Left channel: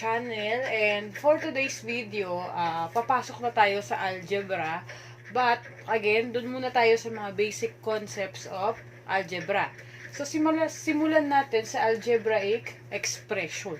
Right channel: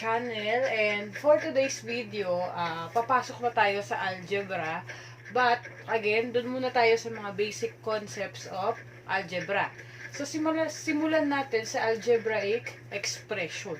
channel, and for today's video, papasok na tayo sa algebra. But again, dun muna tayo sa mga basic concepts of algebra. So simulan natin sa algebraic expression.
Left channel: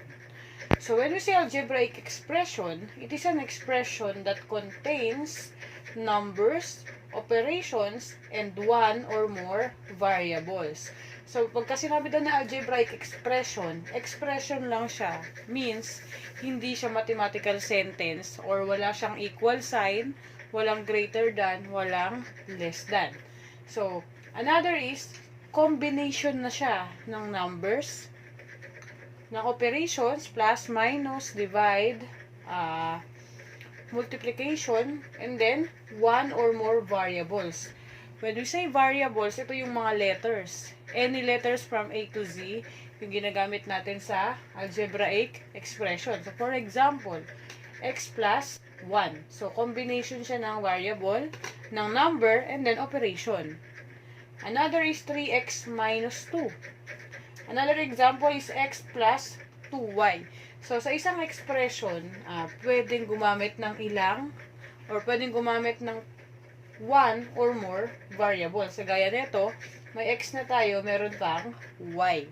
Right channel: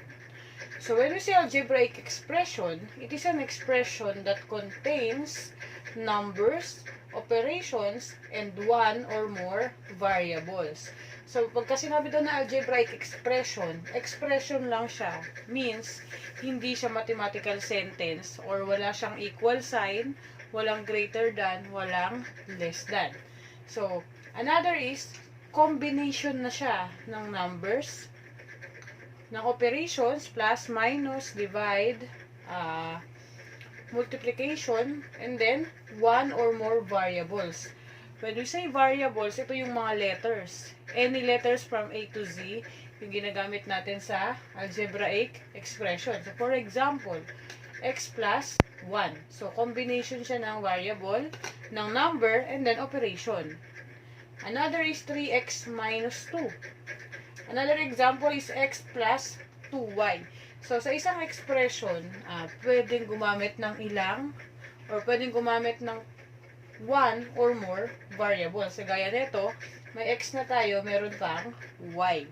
So when we say algebraic expression, it is an expression that contains numbers, operations, and one or more variables. So, pagka sinabi daw na algebraic expression, expression lang siya. Means, hindi siya mathematical sentence or wala siyang equal sign, walang greater than, walang less than. So, another is, combination na siya ng numbers, ng operations, plus, minus, divide, multiplication, and then, one or more variables. When we say variables, ito yung mga letters. Any letters from A to Z, yung ginagamit natin sa algebraic expression. So, for example, x plus 1. So, combination siya ng variable, ng number, and then operation. Another is 3x minus 2. Another example is x plus 2y. So, sa isang expression, pwedeng gumamit ng ilang, or pwedeng gumamit ng one or more variables. So, gaya nito, may x na tayo, meron pang y.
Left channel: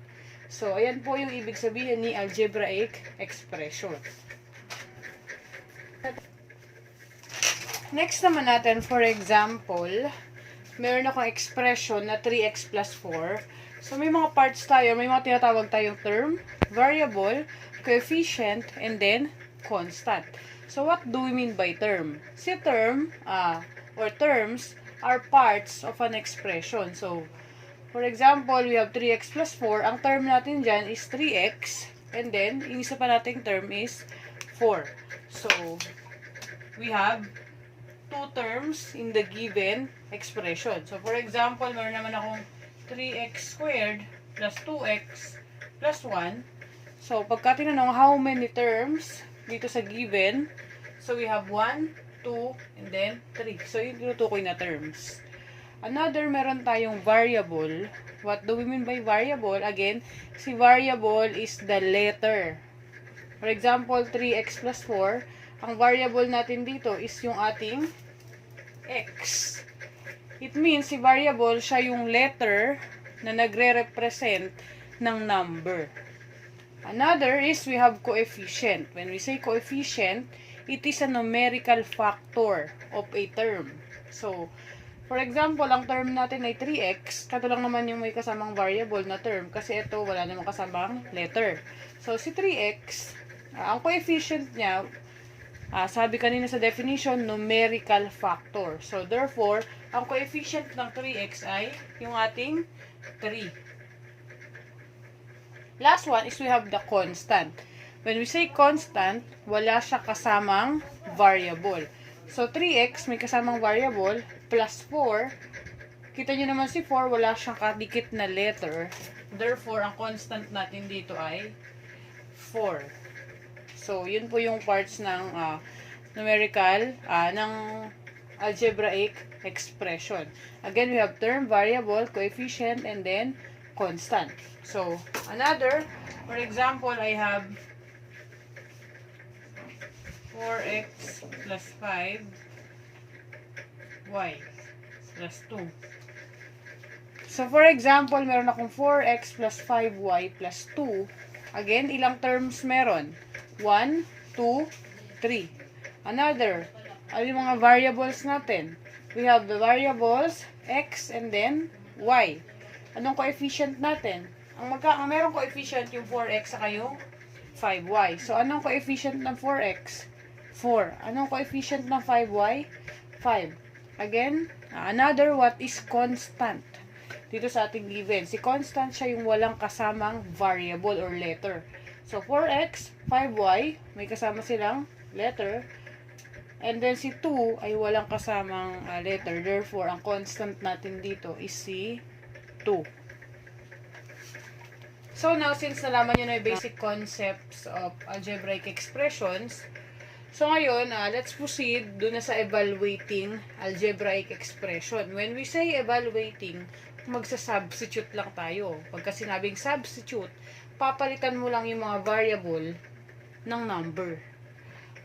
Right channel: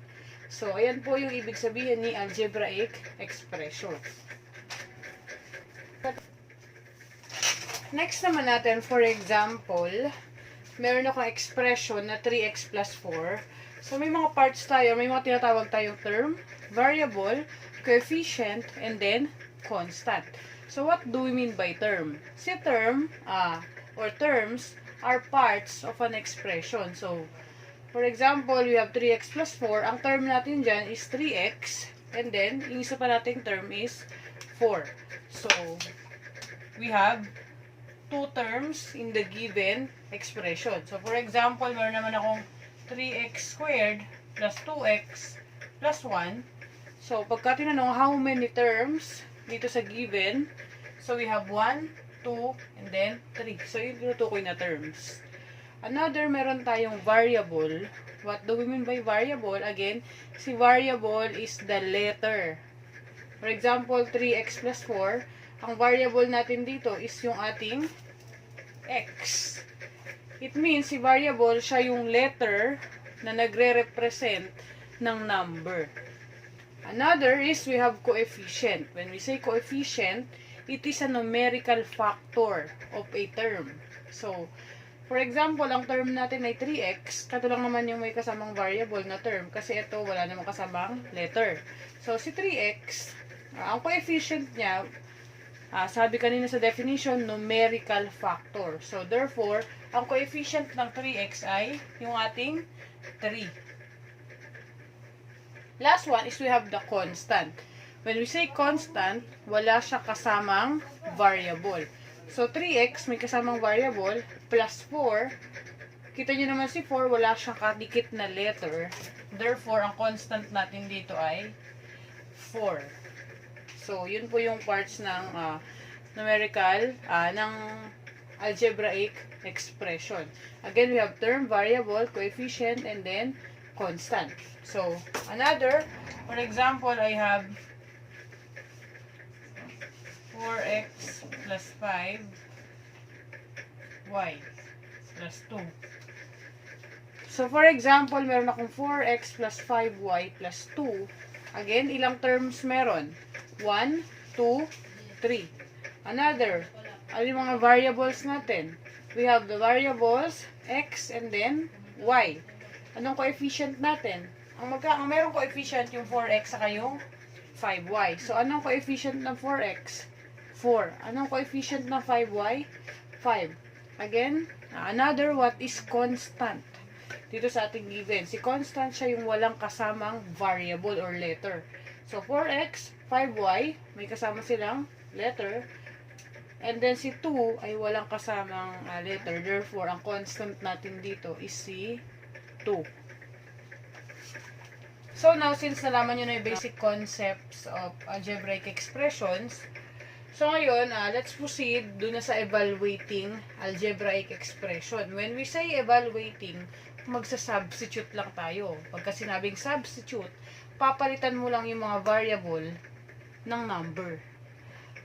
So, ayan po yung ibig sabihin ni algebraic expression. Next naman natin, for example, meron akong expression na 3x plus 4. So, may mga parts tayo, may mga tinatawag tayong term, variable, coefficient, and then constant. So, what do we mean by term? Si term, or terms are parts of an expression. So, for example, we have 3x plus 4. Ang term natin dyan is 3x. And then, yung isa pa nating term is 4. So, we have two terms in the given expression. So, for example, meron naman akong 3x squared plus 2x plus 1. So, pagka tinanong how many terms dito sa given, so we have 1, 2, and then 3. So, yung tinutukoy na terms. Another, meron tayong variable. What do we mean by variable? Again, si variable is the letter. For example, 3x plus 4. Ang variable natin dito is yung ating x. It means, si variable, siya yung letter na nagre-represent ng number. Another is, we have coefficient. When we say coefficient, it is a numerical factor of a term. So, for example, ang term natin ay 3x. Kato lang naman yung may kasamang variable na term. Kasi ito, wala namang kasamang letter. So, si 3x, ang coefficient niya, sabi kanina sa definition, numerical factor. So, therefore, ang coefficient ng 3x ay yung ating 3. Last one is we have the constant. When we say constant, wala siya kasamang variable. So, 3x may kasamang variable plus 4. Kita nyo naman si 4, wala siyang kadikit na letter. Therefore, ang constant natin dito ay 4. So, yun po yung parts ng numerical, ng algebraic expression. Again, we have term, variable, coefficient, and then constant. So, another, for example, I have 4x plus 5y plus 2. So, for example, meron akong 4x plus 5y plus 2. Again, ilang terms meron? 1, 2, 3. Another, ano yung mga variables natin? We have the variables x and then y. Anong coefficient natin? Ang merong coefficient yung 4x saka yung 5y. So, anong coefficient ng 4x? 4. Anong coefficient ng 5y? 5. Again, another, what is constant? Dito sa ating given. Si constant siya yung walang kasamang variable or letter. So, 4x, 5y, may kasama silang letter. And then, si 2 ay walang kasamang letter. Therefore, ang constant natin dito is si 2. So, now, since nalaman nyo na yung basic concepts of algebraic expressions, so, ngayon, let's proceed doon na sa evaluating algebraic expression. When we say evaluating, magsa-substitute lang tayo. Pagka sinabing substitute, papalitan mo lang yung mga variable ng number.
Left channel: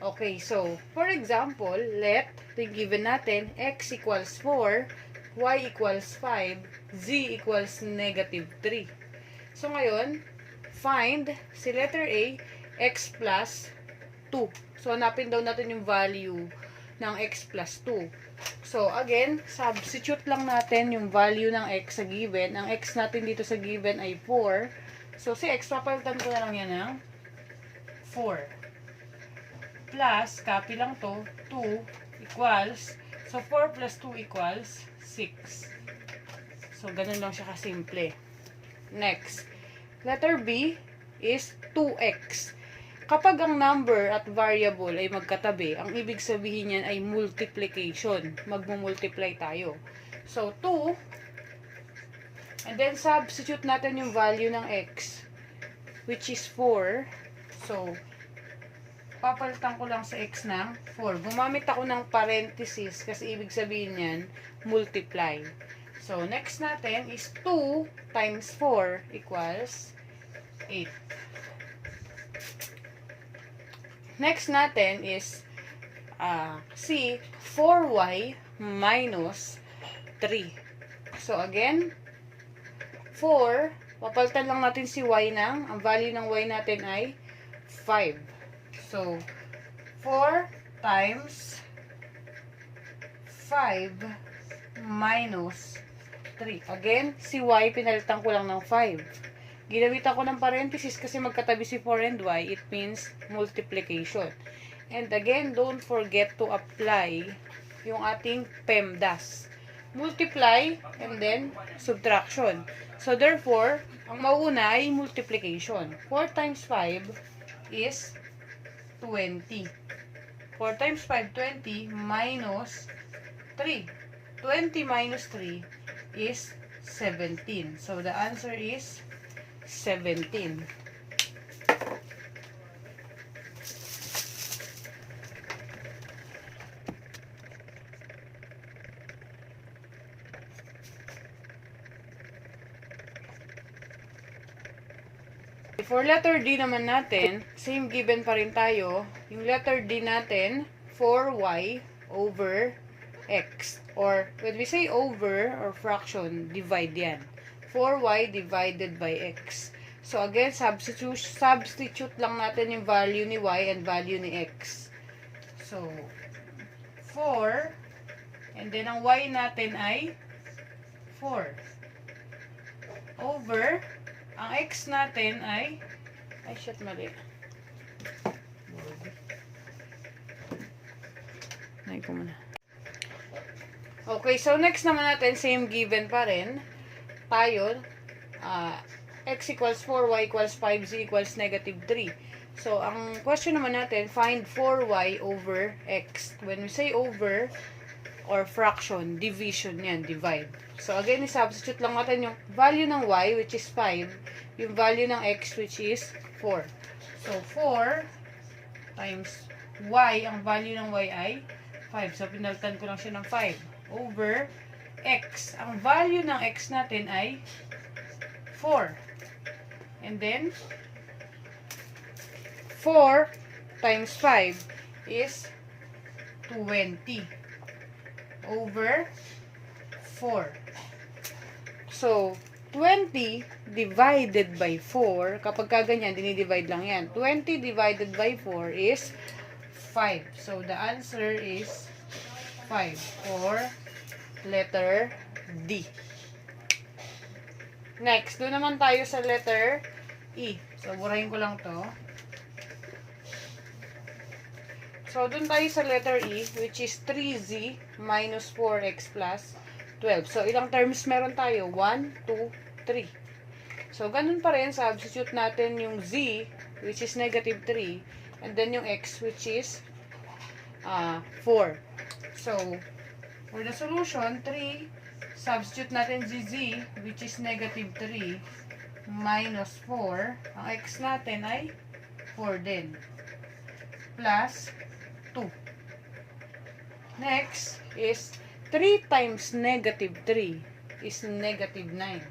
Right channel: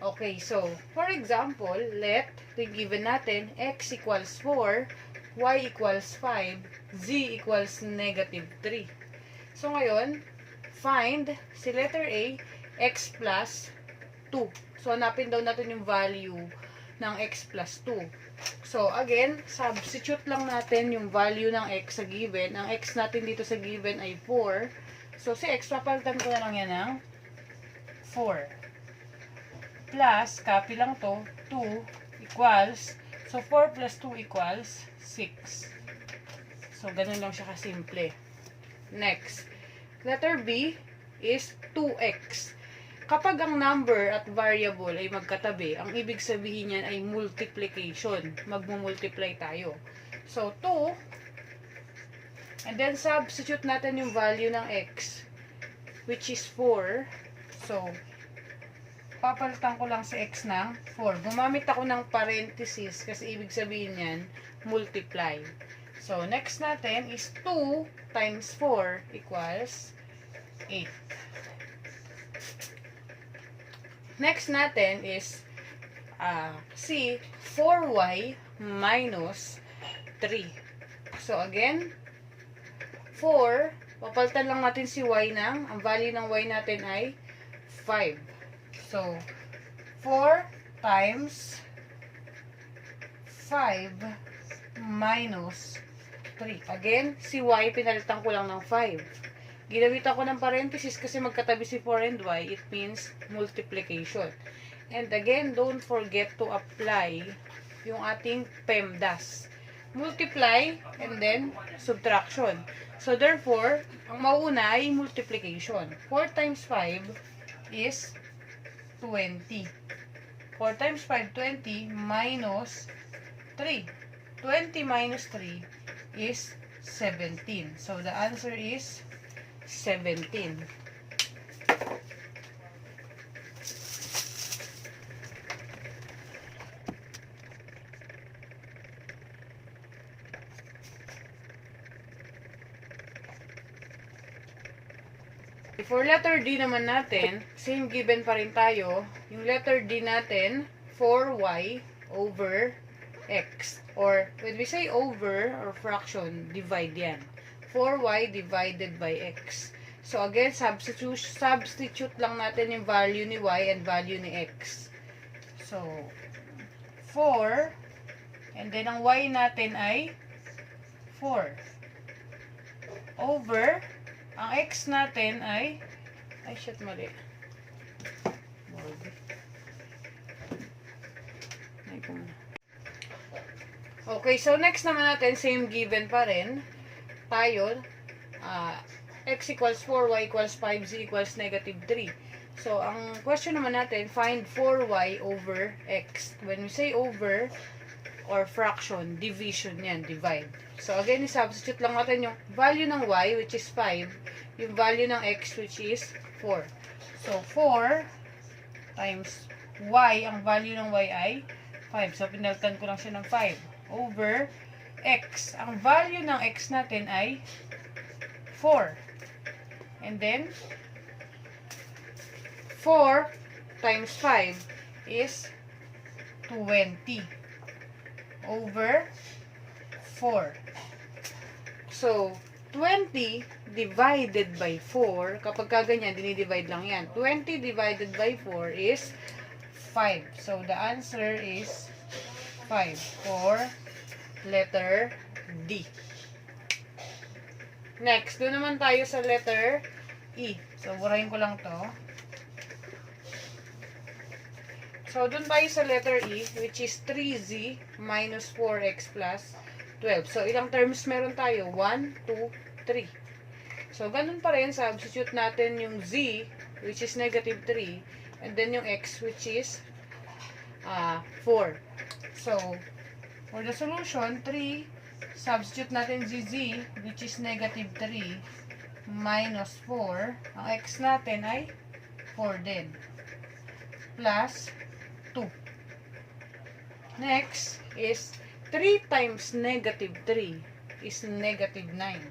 Okay, so, for example, let, given natin, x equals 4, y equals 5, z equals negative 3. So, ngayon, find si letter A, x plus 2. So, hanapin daw natin yung value ng x plus 2. So, again, substitute lang natin yung value ng x sa given. Ang x natin dito sa given ay 4. So, si x, papalitan ko na lang yan ng 4. Plus, copy lang to, 2 equals, so 4 plus 2 equals 6. So, ganun lang siya kasimple. Next, letter B is 2x. Kapag ang number at variable ay magkatabi, ang ibig sabihin niyan ay multiplication. Magmumultiply tayo. So, 2, and then substitute natin yung value ng x, which is 4. So, papalitan ko lang sa x ng 4. Gumamit ako ng parenthesis kasi ibig sabihin niyan, multiply. So, next natin is 2 times 4 equals 8. Next natin is C, 4y minus 3. So, again, 4, papalitan lang natin si y ng, ang value ng y natin ay 5. So, 4 times 5 minus 3. Again, si y, pinalitan ko lang ng 5. Ginamitan ko ng parenthesis kasi magkatabi si 4 and y. It means multiplication. And again, don't forget to apply yung ating PEMDAS. Multiply and then subtraction. So, therefore, ang mauuna ay multiplication. 4 times 5 is 20. 4 times 5, 20 minus 3. 20 minus 3 is 17. So, the answer is 17. For letter D naman natin, same given pa rin tayo. Yung letter D natin, 4y over x. Or, when we say over or fraction, divide yan. 4y divided by x. So, again, substitute lang natin yung value ni y and value ni x. So, 4, and then ang y natin ay 4. Over, ang x natin ay shit, mali. Okay, so next naman natin, same given pa rin. Tayo, x equals 4, y equals 5, z equals negative 3. So, ang question naman natin, find 4y over x. When we say over, or fraction, division yan, divide. So, again, substitute lang natin yung value ng y, which is 5, yung value ng x, which is 4. So, 4 times y, ang value ng y ay 5. So, pinalitan ko lang siya ng 5. Over x. Ang value ng x natin ay 4. And then, 4 times 5 is 20. Over 4. So, 20 divided by 4, kapag kaganyan, dinidivide lang yan. 20 divided by 4 is 5. So, the answer is 5 for letter D. Next, doon naman tayo sa letter E. So, burahin ko lang to. So, doon tayo sa letter E, which is 3z minus 4x plus 12. So, ilang terms meron tayo? 1, 2, 3. So, ganun pa rin, substitute natin yung z, which is negative 3, and then yung x, which is 4. So, for the solution, 3, substitute natin z, which is negative 3, minus 4. Ang x natin ay 4 din. Plus 2. Next is 3 times negative 3 is negative 9.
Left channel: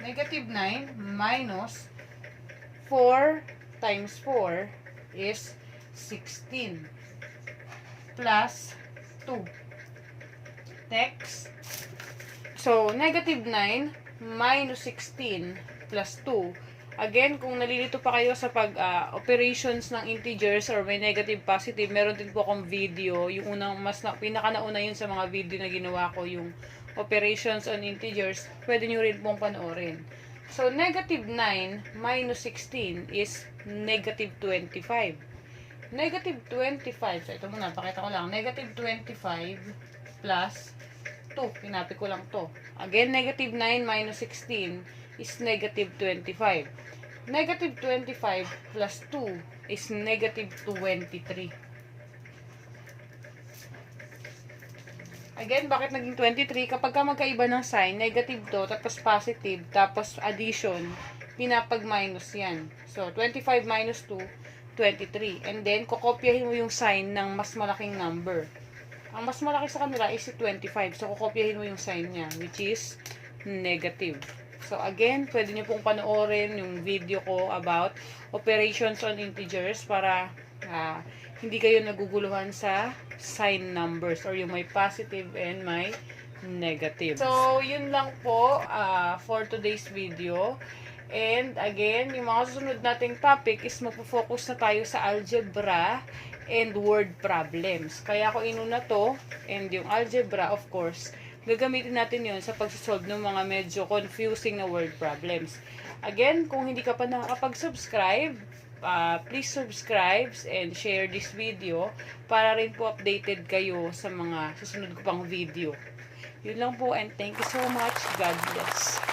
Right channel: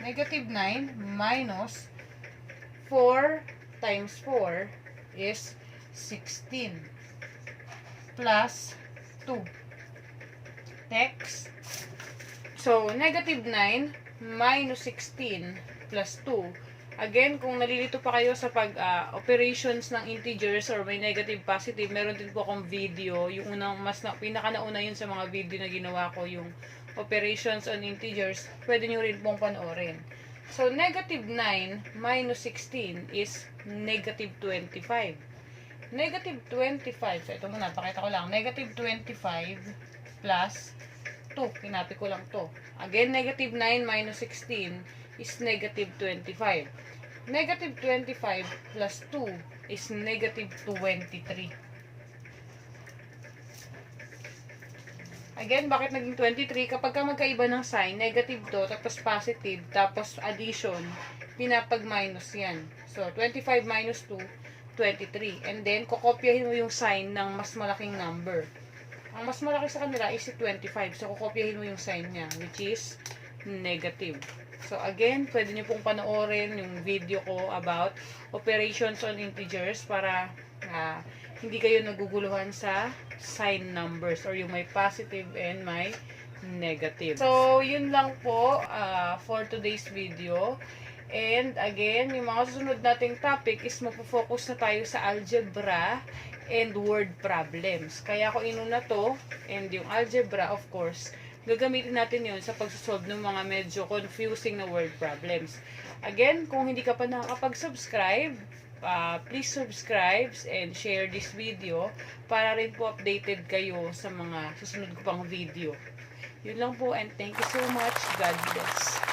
Negative 9 minus 4 times 4 is 16 plus 2. Next. So, negative 9 minus 16 plus 2. Again, kung nalilito pa kayo sa operations ng integers or may negative, positive, meron din po akong video. Yung unang, pinaka-nauna yun sa mga video na ginawa ko, yung operations on integers. Pwede nyo rin pong panoorin. So, negative 9 minus 16 is negative 25. Negative 25. So, ito muna, pakita ko lang. Negative 25 plus 2. Pinapit ko lang to. Again, negative 9 minus 16 is negative 25. Negative 25 plus 2 is negative 23. Again, bakit naging 23? Kapag ka magkaiba ng sign, negative to, tapos positive, tapos addition, pinapag-minus yan. So, 25 minus 2, 23. And then, kukopyahin mo yung sign ng mas malaking number. Ang mas malaki sa kanila is 25. So, kukopyahin mo yung sign niya, which is negative. So, again, pwede nyo pong panoorin yung video ko about operations on integers para hindi kayo naguguluhan sa sign numbers or yung may positive and may negative. So, yun lang po for today's video. And again, yung mga susunod nating topic is magpo-focus na tayo sa algebra and word problems. Kaya ako inuna to, and yung algebra, of course, gagamitin natin yun sa pagsasolve ng mga medyo confusing na word problems. Again, kung hindi ka pa nakakapag-subscribe, please subscribe and share this video para rin po updated kayo sa mga susunod ko pang video. Yun lang po, and thank you so much. God bless.